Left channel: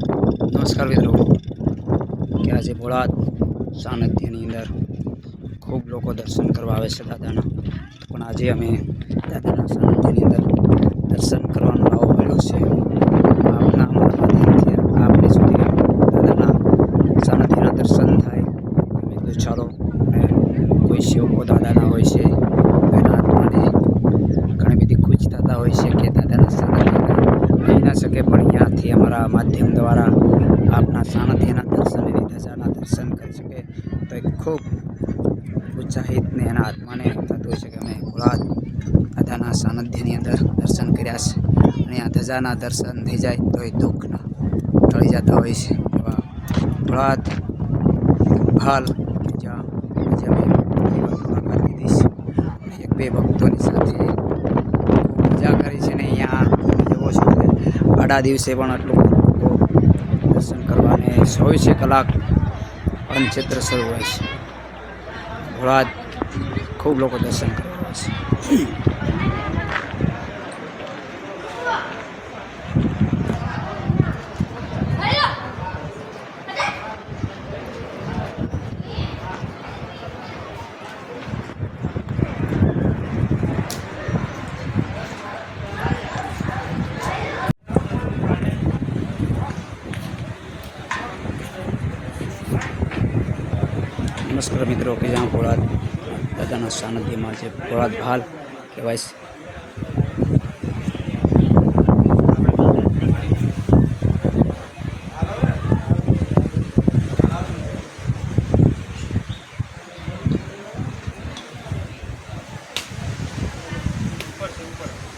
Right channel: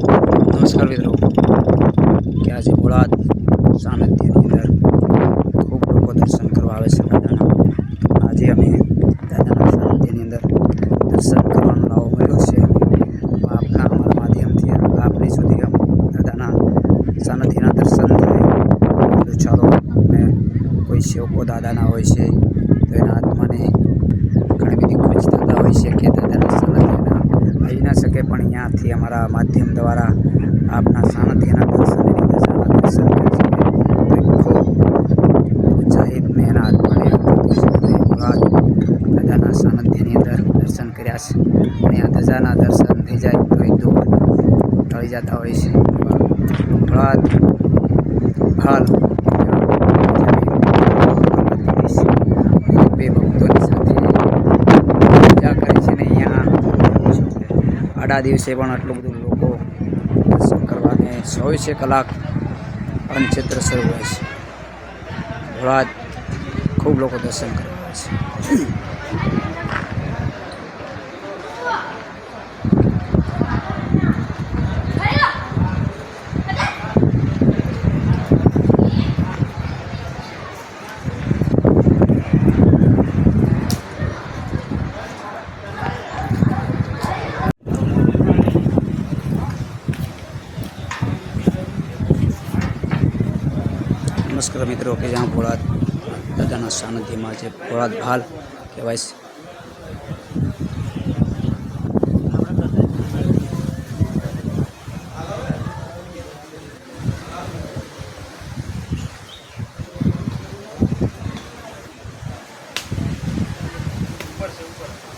નમસ્કાર મિત્રો. કે આજે ભોળાદ સાનિધ્યની અંદર ખૂબ લોકો દર્શન કરવા આવે છે દાદાના. આજે અમે દાદાના સાનિધ્યની અંદર દર્શન કરવાનો લાવો મળ્યો છે. આપના અમારા માધ્યમથી આપને સુધી દાદાના સાનિધ્યના દર્શન થાય. તો ચાલો અમે કોઈ સેવકો દાદાના હોય છે તો એના આત્માને ઘણી બધી ખુશ થતા હોય છે કે દાદાના સાનિધ્યના આવી ના શકે, પણ અહીંયાથી અમારા માધ્યમ દ્વારા આપના સાનિધ્યના દર્શન દશાના દર્શન કરી શકે. તો એ ખૂબ ઉત્સાહિતને એના આત્માને થતું છે કે અંદર દર્શન કર્યા છે. અને આ ધજાના દર્શન થઈ જાય તો એ દુઃખના ટળી જતા હોય છે. મુરાદ હાલ જ્યાં મુલાકાત લીધી છે અને બે ભક્તોની સાથે પૂજા કરી છે ને અહીંયા એવો છે કે આડા દિવસે પણ આટલું બધું લોકો દર્શન કરવાને ચોવીસે કલાક અનક્ષેત્ર શરૂ હોય છે. ભોળાદ ખૂબ લોકો દર્શન કરવા આવે છે. નમસ્કાર મિત્રો કે જ્યાં ભોળાદ દાદાના સાનિધ્યમાં જે ભોળાદ ભાલ કહેવાય છે. ઉપર ઉપર